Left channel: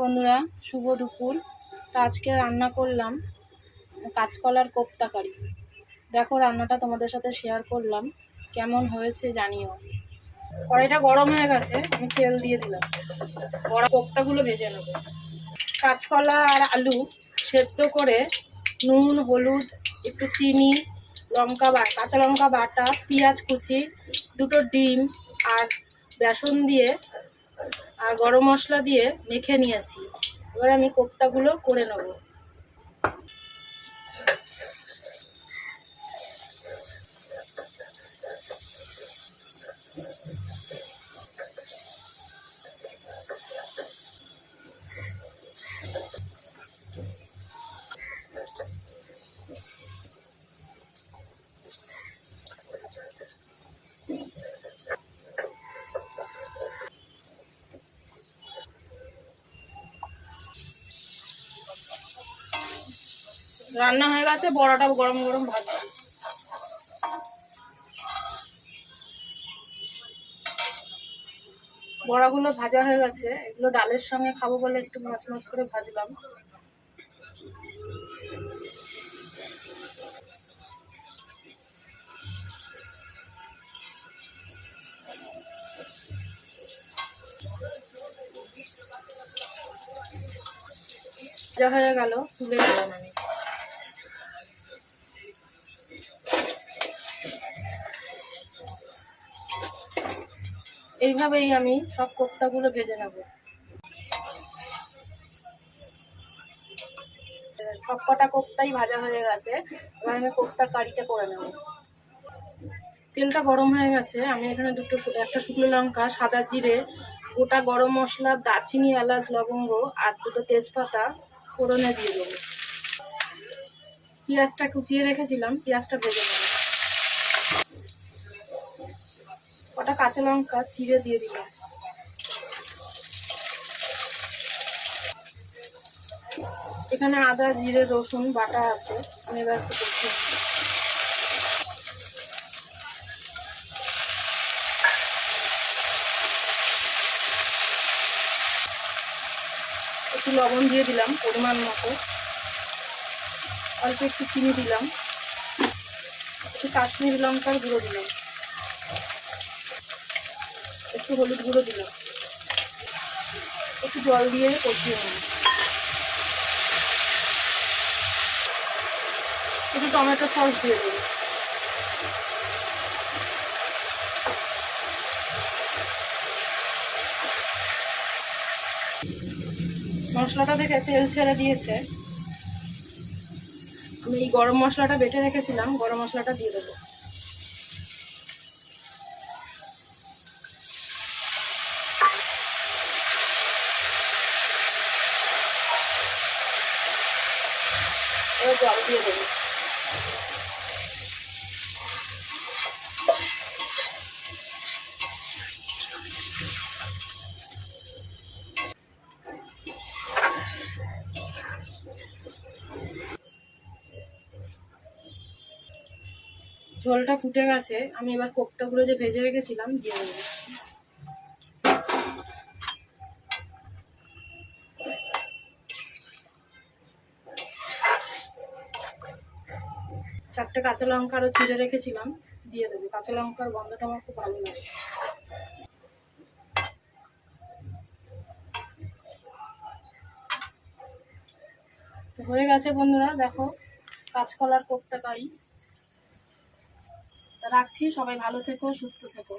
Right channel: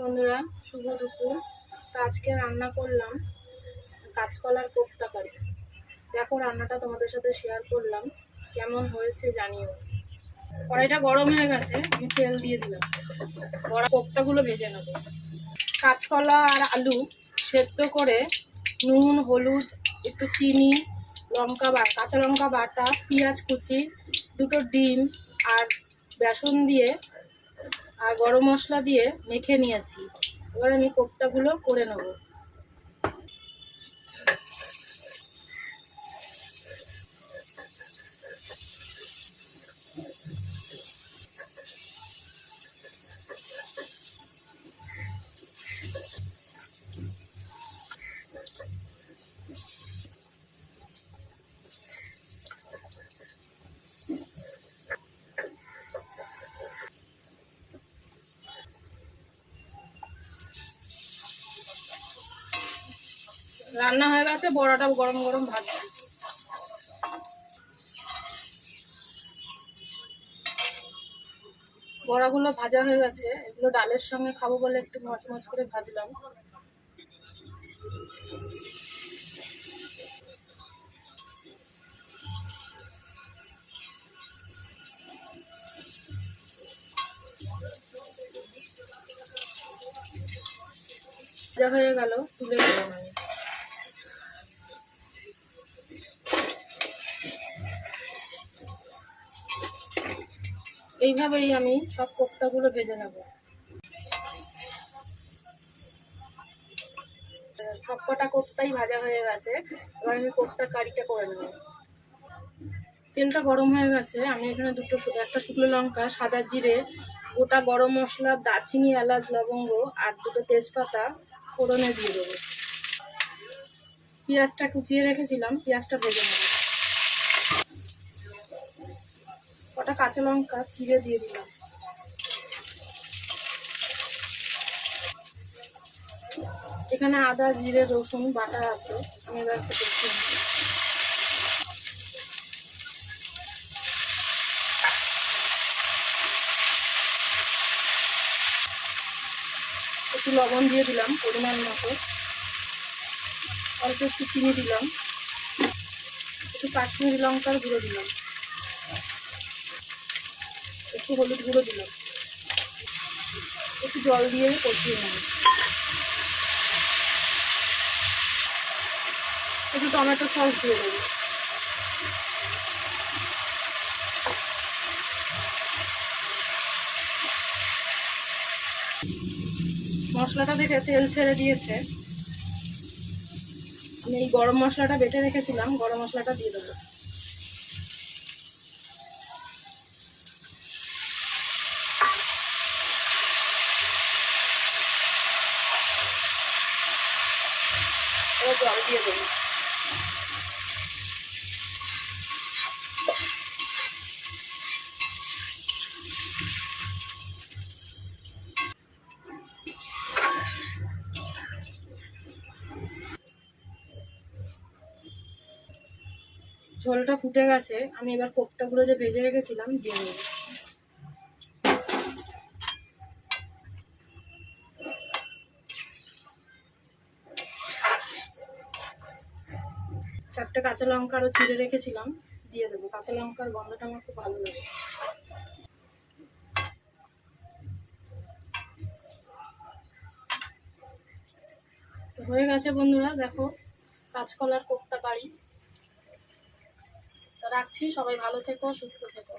বন্ধুরা, শুভ দুপুর। তো আজকে রান্না করলাম কাঁচকলার কোপ্তা কারি। দেখো, রান্নাটা তোমাদের সাথে শেয়ার করলাম, কেমন হয়েছে জানিও। কড়াইটা গরম হয়ে গেছে, আমি তেল দিয়ে দিলাম। বড়া কোপ্তাগুলো ভেজে নেব। কাঁচকলা আর আলু সেদ্ধ করে নুন, হলুদ, একটু চিনি, কাঁচা লঙ্কা বাটা, পেঁয়াজ কুচি, দুটো ডিম আর বেসন দিয়ে আর গরম মশলা দিয়ে মেখে নিয়েছি। এবার আমি কোপ্তাগুলো করে নেব। রান্না হয়ে গেছে, বড়াটা গরম গরম ভাজছি। বড়াগুলো ভাজা হয়ে গেছে, এগুলো ডালের সঙ্গে খাবো বলে একটু মচমচ করে ভাজলাম। ভাজা হয়ে গেল, তুলে নিলাম আমি। এইভাবেই আমি সব কোপ্তাগুলো ভেজে নেব। সব কটা কোপ্তাই ভাজা হয়ে গেছে, এবার আমি কোপ্তা কারিটা করে নেব। তেলটা গরম হয়ে গেছে, আমি এখানে একটা শুকনো লঙ্কা, সাদা জিরে, গোটা গরম মশলা, দারচিনি, এলাচ, লবঙ্গ আর দুটো তেজপাতা ফোড়নে দিয়ে দেবো। পেঁয়াজটা কুচিয়ে রেখেছিলাম, পেঁয়াজটা ভেজে নেব। কটা কাঁচা লঙ্কা চিড়ে দিয়ে দিলাম। এখানে আদা, জিরে, রসুন বাটা আছে, আমি এবার একটু কষিয়ে নেব। একটু লবণ দিয়ে দিলাম পরিমাণ মতো, অল্প একটু চিনি দিলাম, একটু কাশ্মীরি লঙ্কার গুঁড়ো দিলাম, একটু হলুদ গুঁড়ো দিলাম, একটু জল দিয়ে কষিয়ে নেব। একটু টমেটো সস দিয়ে দেবো। মশলাটা দেখে তেল ছেড়ে দিয়েছে, আমি এই গরম মশলাটা বেটে রেখেছিলাম, গরম মশলাটা দিয়ে দেবো। এবার জল দিয়ে দেবো। ঝোলটা ফুটে গেছে, আমি এবার কোপ্তাগুলো যে ভেজে রেখেছিলাম দিয়ে দেবো। চারটে কাঁচা লঙ্কা আরও চিড়ে রেখেছিলাম, দিয়ে দেবো। কাঁচা লঙ্কার গন্ধটা আমার খুব ভালো লাগে। হয়ে গেছে বন্ধুরা, দেখো কাঁচকলার কোপ্তা কারি। রাখছি, সবাই ভালো থেকো, সুস্থ থেকো।